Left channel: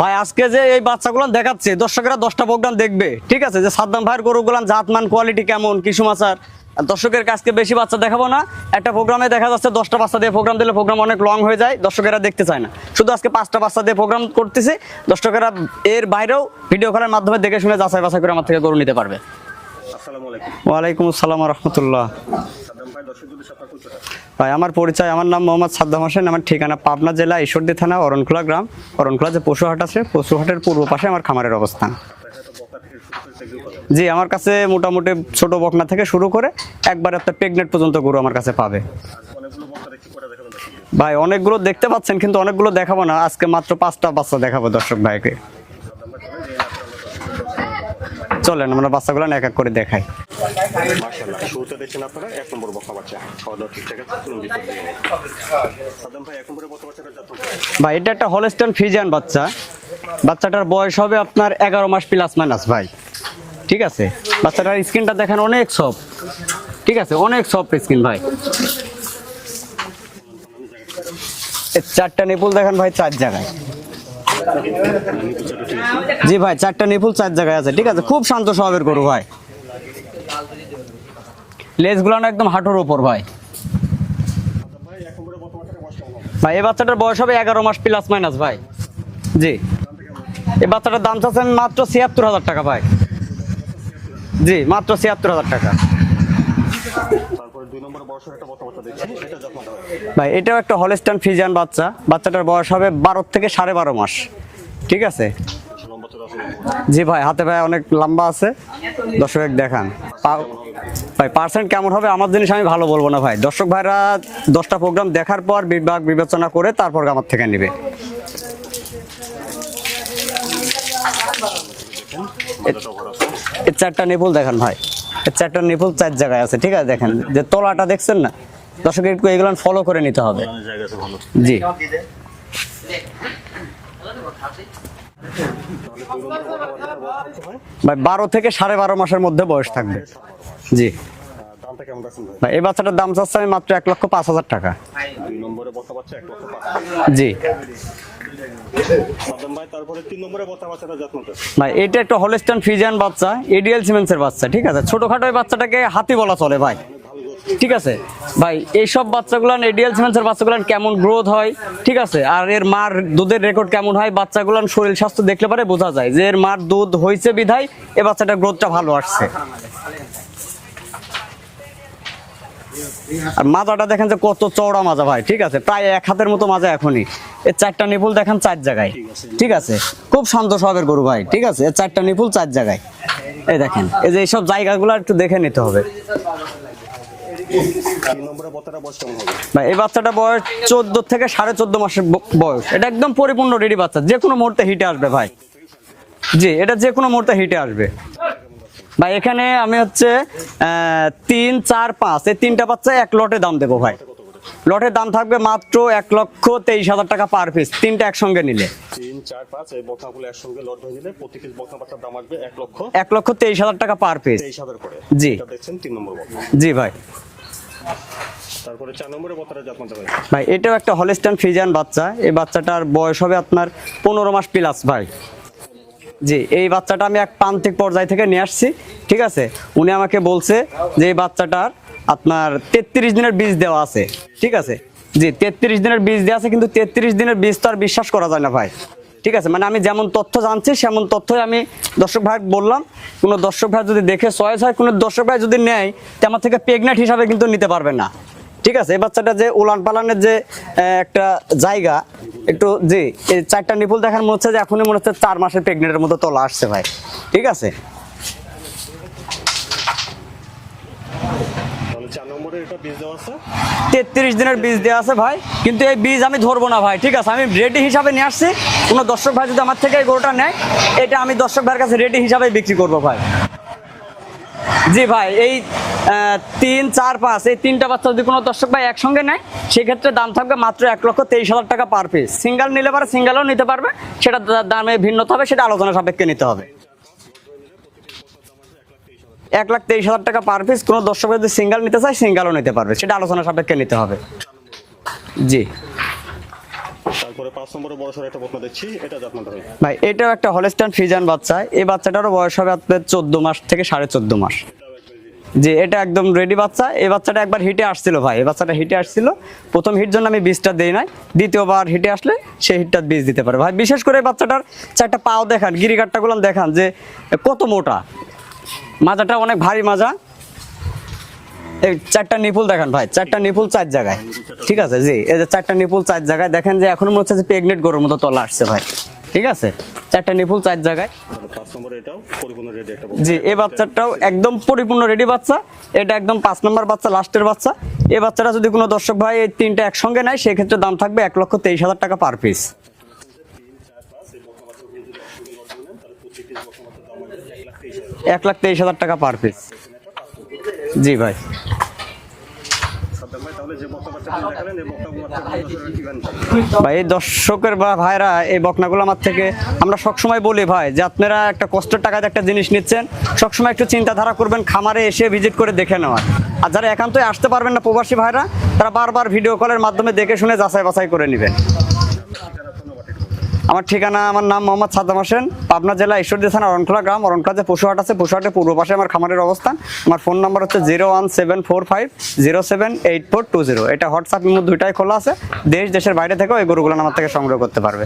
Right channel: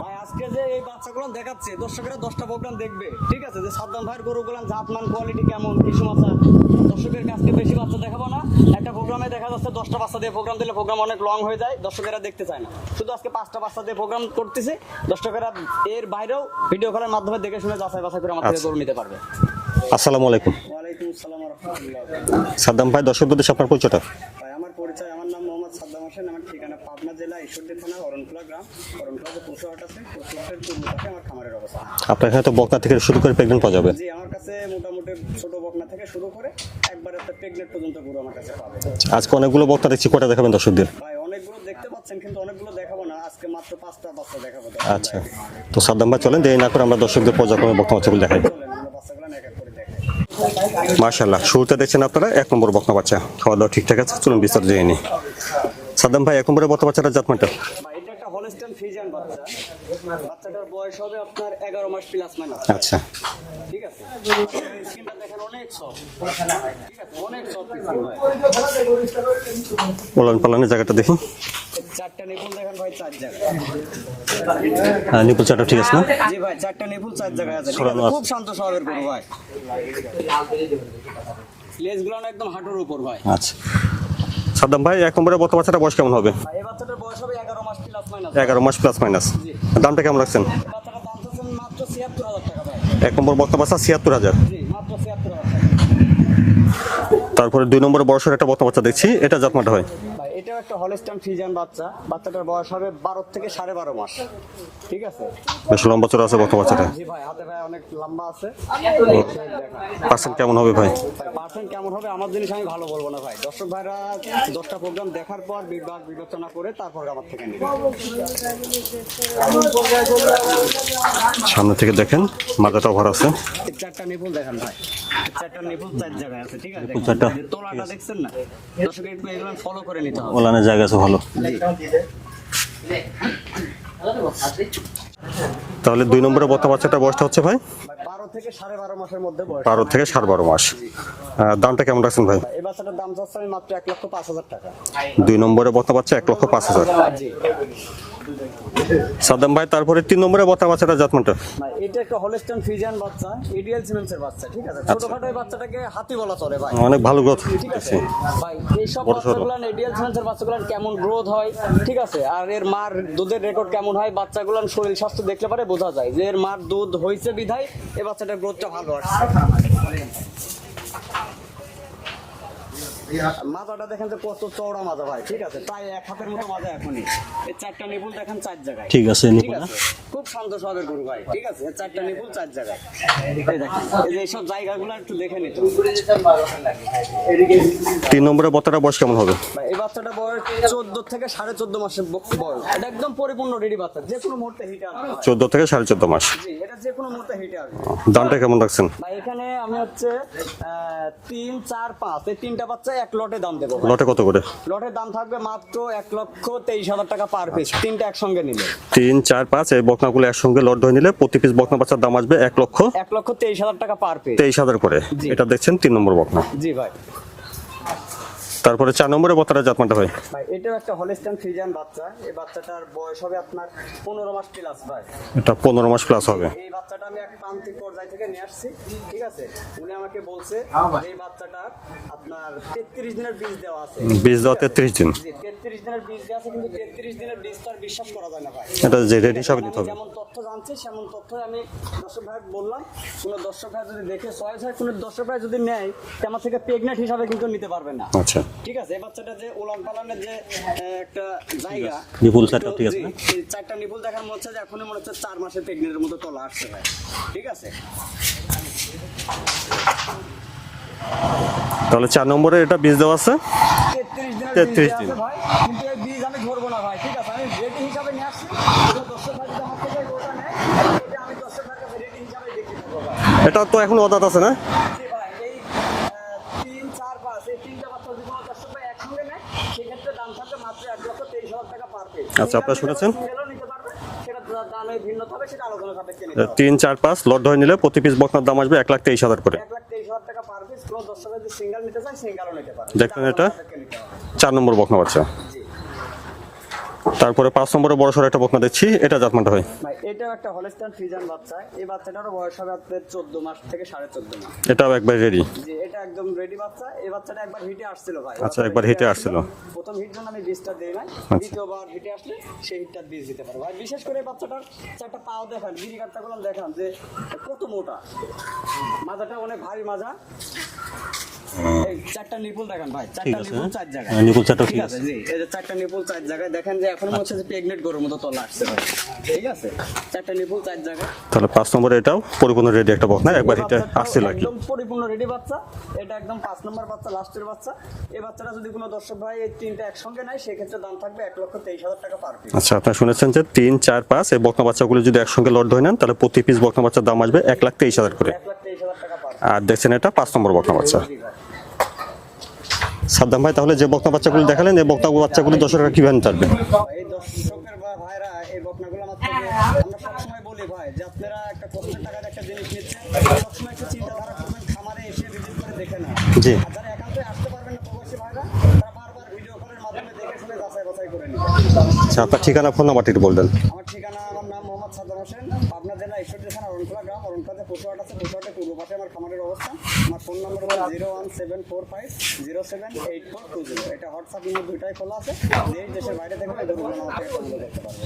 ভাই আজকে যে এই বাচ্চাগুলো দেখাচ্ছে দর্শকেরা দশটা প্রোগ্রাম দেখবে। ঠিক আছে যে সাদ্দাম ভাইয়ের গরুগুলো জাতমান কোয়ালিটি কেমন কিছু মাছার দর্শকের কাছকে বেশি বাচ্চা দেখাবো না। একটা প্রোগ্রামে দেখা যাচ্ছে দশটা বাচ্চা দিয়ে প্রোগ্রাম দিলে প্রোগ্রাম অনেক লং হয়ে যায় দর্শকেরা দেখতে চায় না। শুধু আজকে পাঁচটা বাচ্চা দিয়ে প্রোগ্রাম করতেছি দর্শকেরা এর বাইরেও ভিডিও কলের মাধ্যমে দেখে শুনে যাচাই বাছাই করে আমার থেকে গরু নিতে পারবে। আসসালামু আলাইকুম। ওয়ালাইকুম আসসালাম রহমতুল্লাহ। সাদ্দাম ভাই দর্শকদের দেশে আপনার পরিচয়টা? ভাই আমার পরিচয় আমার নাম মোহাম্মদ সাদ্দাম হোসেন আমার ঠিকানা পাবনা জেলা ঈশ্বরদী থানা অরণখোলা গ্রাম। অরণখোলা যে পশুহাট আছে পশুহাটের পূর্ব পাশে আমার খামারের অবস্থান। আপনার এখানে তো বকনা থেকে শুরু করে প্রেগনেন্ট পাওয়া যাবে। জি আমার কাছে মোটামুটি ছোট বকনা থেকে শুরু করে একবার একটা প্রেগনেন্ট পর্যন্ত গরু আমার কাছে পাবে। আজকে অনেকগুলো বকনা দেখছি কটা দেখাবেন দর্শকদের? ভাই অনেকগুলো দেখতে পাচ্ছেন কিন্তু অনেকগুলো দেখাবো না। আজকে মাত্র পাঁচটা বাচ্চা দেখাবো দর্শক ভাইকে। তো সাদ্দাম ভাই চলেন দেরি না করে আমরা দর্শকদের পর্যায়ক্রমে বকনা বাচ্চাগুলো দেখাই। চলেন আমরা বাচ্চাগুলো এক এক করে দেখাই। মার্শাল্লাহ শুরুতে দেখছেন আপনারা? এক নম্বর বকনা বাচ্চা খাওয়া দাওয়া ঠিকঠাক আছে? চলুন বিস্তারিত জেনে নিই। সাদ্দাম ভাই এক নম্বরে বকনা বাচ্চাটা জাতমানটা ভাই এটা একটা হলস্টন ফিজিয়ান বাচ্চা। বাচ্চাটার বয়স হবে আপনার এগারো মাস প্লাস মাইনাস ভাই। আচ্ছা। ঠিক আছে? বাচ্চাটার স্কিনটা দেখেন অনেক সফট ঠিক আছে? অনেক সফট স্কিন ভাই। ওলান পালানের জায়গাটা দেখুন। চারটা নিপুল দেখেন ভাই চার জায়গায়। নিপুল চাটা ঠিক আছে না? জি ভাই চারটা নিপুল চার জায়গায় আছে। ঠিক আছে খুব শান্ত স্বভাবের গরু ভাই। লেজগুলো না একদম হাঁটুর ওপর ভাই। আচ্ছা। সাদ্দাম ভাই এক নম্বরে বাচ্চাটা বয়স কেমন হবে? ভাই এই বাচ্চাটার বয়স হবে এগারো মাস প্লাস মাইনাস এগারো মাস প্লাস মাইনাস জি। দামটা কেমন রাখছেন? এই বাচ্চাটার দাম চাচ্ছেন মাত্র ছিয়াত্তর হাজার টাকা ভাই। এক নম্বর বাচ্চা ছিয়াত্তর হাজার। জি মাত্র ছিয়াত্তর হাজার টাকা। তারপরে দুই নম্বরে বয়সের একটা বকনা বাচ্চা দেখছি এটা জাতমানটা হয়। ভাই এটাও একটা হলস্টান ফিজিয়ান বাচ্চা। বাচ্চাটার বয়স হবে বারো থেকে সাড়ে বারো মাস। ঠিক আছে? বেশ লম্বা চড়া আছে বকনা বাচ্চাটা। জি ভাই হাতে ভাই অনেক লম্বা আছে। দর্শক দেখান। পার্সেন্ট কেমন হবে ভাই? ভাই পার্সেন্ট কেমন হবে আমার জিনিস আমি ভালো বলব না ভাই। দর্শক ভাইরা দশটা প্রোগ্রাম দেখার পর বিভাগ বিবেচনা করে তারপর আমার থেকে নেবে। সামনে থেকে দেখেন মাথাটা ভরা আছে। এর চারটা নিপুল দেখেন ভাই। এর চারটা নিপুল চার জায়গায় আছে ঠিক আছে? দেখেন যে তলাটা দেখছেন না? দর্শক একটু এগুলো ফলো করে নিতে হবে। ওলানের জায়গা আছে ভালো। জি। তাহলে দুই নম্বরে বকনা বাচ্চাটা বয়সটা হচ্ছে ভাই? ভাই বারো থেকে সাড়ে বারো মাসের মধ্যে বয়স বারো। থেকে সাড়ে বারো মাস। জি। দামটা কেমন রাখছেন ভাই? ভাই এই বাচ্চাটার দাম চাচ্ছে আমি মাত্র এক লক্ষ পাঁচ হাজার টাকা। দুই নম্বরে বকনা বাচ্চা এক লক্ষ পাঁচ হাজার। জি। ভাই তারপরে তিন নম্বরে বকনা বাচ্চাটা জাতমানটা। ভাই এটা একটা হলস্টান ফিজিয়ান বাচ্চা এডিএল সিমেন্সের বাচ্চা ঠিক আছে? ছোটখাটো বাচ্চাটাকে হাতি বলা চলে ভাই। অনেক ভালো গ্রোথ ঠিক আছে? ভাই এইসব বাচ্চাগুলো এডিএল সিমেন্সের বাচ্চাগুলো কেমন গ্রোথ হয়? ঠিক আছে? আর এর মার দুধের রেকর্ড কেমন হয়? বাচ্চাগুলো শরীর স্বাস্থ্য দেখলে পারে বোঝা যায় যে এর মার দুধ হয়েছে বিধায় এ বাচ্চাটার গ্রোথটা ভালো আসছে। আর মাজাটা দেখেন যে কত চওড়া মাজা ভাই ঠিক আছে? প্রায় এক হাতের মতো মাজা এখনই। চারটা নিপুল দেখেন চার জায়গায়। ঠিক আছে। ঠিক আছে? খুব শান্ত স্বভাবের গরু ভাই ঠিক আছে? চারটা নিপুল চার জায়গায়। এই দেখেন এই যে এইসব জায়গাগুলো একটু দেখে নিতে হবে। তিন নম্বরে বকনাটা বয়স কেমন হবে? ভাই এই বাচ্চাটা বয়স চোদ্দ থেকে সাড়ে চোদ্দ মাসের বয়স। এটা একদম পরিপূর্ণ রেডি বাচ্চা যে কোনো মুহূর্তে হিটে আসবে ভাই। চোদ্দ থেকে সাড়ে চোদ্দ মাস। জি এটা যে কোনো মুহূর্তে হিটে আসবে। দামটা কেমন রাখছেন? ভাই এখানে আমি হচ্ছে আহ, তিন চার পাঁচ এই তিনটা বাচ্চা এক লটে দাম দেবো ভাই। লটে কত করে? লটের দাম থাকবে মাত্র এক লক্ষ তেইশ হাজার টাকা পার পিস তিনটা একসঙ্গে নিলে। তিন চার পাঁচ এই বকনাগুলো একসঙ্গে লট ধরে নিলে প্রতি পিস বকনা বাচ্চার দাম আসবে এক লক্ষ এক লক্ষ তেইশ হাজার টাকা পার পিস তেইশ হাজার করে। এটা দেখছেন তিন নম্বর বকনা। জি ভাই। তারপরে চার নম্বরে বকনাটা জাতমানটা হয়। ভাই এটাও একটা হলিস্টান ফিজিয়ান বাচ্চা। এই বাচ্চাটার বয়স হবে আপনার পনেরো মাস প্লাস ভাই। এটা পনেরো মাস প্লাস জি এই বাচ্চাটা আমি এক প্রান্তিক পর্যায় থেকে নিয়ে আসছি ঠিক আছে? উনি আমাকে বলছে যে এই বাচ্চাটার আপনার তেত্রিশ দিনের বীজ দেওয়া আছে। বীজ ঠিক দেওয়া আছে? 33 দিন। জি তেত্রিশ দিনের বীজ দেওয়া আছে কিন্তু তেত্রিশ দিনের বীজ তো আর বিশ্বাস করা যায় না ভাই। ঠিক আছে? মানে আমি যেমন তথ্য জানছি সেমন তথ্যই আমি দর্শক ভাই বললাম। কোনো দর্শক ভাই যদি দেখে চয়েস হয় কোনো দর্শক ভাই যদি নেয় তো আমার থেকে প্রেগনেন্ট হিসাবে কিন্তু নিতে পারবে না। আচ্ছা। ঠিক আছে? এই বাচ্চাটা যে উলান পালানের যে একটা জায়গা একটু চারটা, জি এই চারটা নিপুল দেখার মনে হচ্ছে যে এখনই মনে হচ্ছে চার মাসের প্রেগনেন্টের মতো তোলা আসছে ভাই। ঠিক আছে? তাহলে চার নম্বরে এটা বীজ দেওয়া আছে। তেত্রিশ দিনের বীজ দেওয়া আছে ভাই। কিন্তু এই বীজ আমি ধরবো না ভাই ঠিক আছে? আমি রেডি হিসাবে নিয়ে আসছি। কোনো দর্শক ভাই যদি আমার থেকে গরুটা নেয় এটা আমি দর্শক ভাইয়ের কাছে রেডি হিসাবে বিক্রি করব ভাই। এটা তো এখন অদাত আছে না? জি ভাই এই আহ, তিন চার পাঁচ এই তিনটা বাচ্চা যদি কোনো দর্শক ভাই একসঙ্গে নেয় সেক্ষেত্রে দাম থাকবে মাত্র এক লক্ষ তেইশ হাজার টাকা পার পিস সিঙ্গেল নিলে পারে? সিঙ্গেলও নিতে পারবে সেটা দামে ভিন্নতা হবে সেটা আলোচনা সাপেক্ষে নিতে হবে। তিন চার পাঁচ লট ধরে নিলে প্রতি পিস বকনার দাম আসবে এক লাখ তেইশ হাজার করে। এক লাখ তেইশ হাজার টাকা পার পিস কোনো দর্শক যদি সিঙ্গেল নিতে চায় সিঙ্গেলও নিতে পারবে সেটা আলোচনা সাপেক্ষে নিতে হবে। চার নম্বর বকনা বাচ্চা। জি। তারপরে পাঁচ নম্বরে বড় সড়ো একটা বকনা দেখছি এটা জাতমানটা হয়। ভাই এটাও একটা হলস্টান ফ্রিজান বাচ্চা। এই বাচ্চাটারও বয়স হবে আপনার চোদ্দ মাস থেকে সাড়ে চোদ্দ মাস। এটাও একবার রেডি যে এটা একদম রেডি বাচ্চা। এই বাচ্চাটা একবার হিটে আসছিল ভাই। এই বাচ্চাটা হিটে আসছিল। প্রথম হিট জন্য আমি বীজটা দেই নাই। দ্বিতীয়বার হিটে আসলে সেই হিটটা বীজ দিতে পারে। ভাই বিশেষ করে বাচ্চাটার চারটা পাও দেখান গিরিগাটটা গুলো দেখান যে কত মোটা। মাজাটা অনেক ভারী মাজা। চারটা নিপুল দেখেন ভাই চারটা নিপুল চার জায়গায়। হ্যাঁ, নিপুল চারটা ঠিক আছে জি এই যে চারটা নিপুল চার জায়গায় দেখেন যে এখন মনে হচ্ছে যে প্রেগনেন্ট গরুর মতো তলা আসছে ভাই। ঠিক আছে? চারটা নিপুল চার জায়গায়। তাহলে পাঁচ নম্বরে এটাও পরিপূর্ণ রেডি একটা বকনা এই বাচ্চাটাও একদম পরিপূর্ণ রেডি বাচ্চা। এটা একদম পাঁচ নম্বর বাচ্চা লাস্টের বাচ্চা। এই বাচ্চাটা যদি কোনো দর্শক ভাই এই তিনটা একসঙ্গে নেয় সেক্ষেত্রে দাম থাকবে এক লক্ষ তেইশ হাজার টাকা পার পিস আচ্ছা আপনারা শুনেছেন যে তিন চার পাঁচ এই বকনা বাচ্চাগুলো যদি একসঙ্গে লট ধরে নেন তাহলে প্রতি পিস বকনা বাচ্চার দাম আসবে এক লাখ তেইশ হাজার করে। এক লাখ তেইশ হাজার টাকা পার পিস আর দেখছেন এটা পাঁচ নম্বর বকনা বাচ্চা। জি ভাই। সাদ্দাম ভাই তাহলে যে বাচ্চাগুলো দেখালেন এই বাচ্চাগুলো দর্শকরা কীভাবে ভাই এই দর্শকের বা ভাইরা এই বকনাগুলো আমার থেকে আমরা সবসময় বলি ভাই যে আপনারা একটা কষ্টের টাকাতে একটা জিনিস নিচ্ছেন সবসময় একটু চিন্তাধারা করবেন খামারে এসে ভিজিট করে দেখে নেওয়া আর যারা একান্তই আসতে পারবেন না প্রবাসী ভাইরা তারা বারবার ভিডিও কলের মাধ্যমে দেখে শুনে যাচাই বাছাই করে নেবেন। আচ্ছা ঠিকানা আমার ঠিকানা, আমার নাম জেলা গ্রাম। যে পশুহাট আছে, পশুহাটের আমার খামারের অবস্থান। আমার ফোন নাম্বার হচ্ছে zero one seven four five zero seven eight four two zero. এটা হোয়াটসঅ্যাপ দুইটাই খোলা আছে। দেশ, দেশের বাইরে থেকেও এই গরুগুলো আমার থেকে সংগ্রহ করতে পারবে।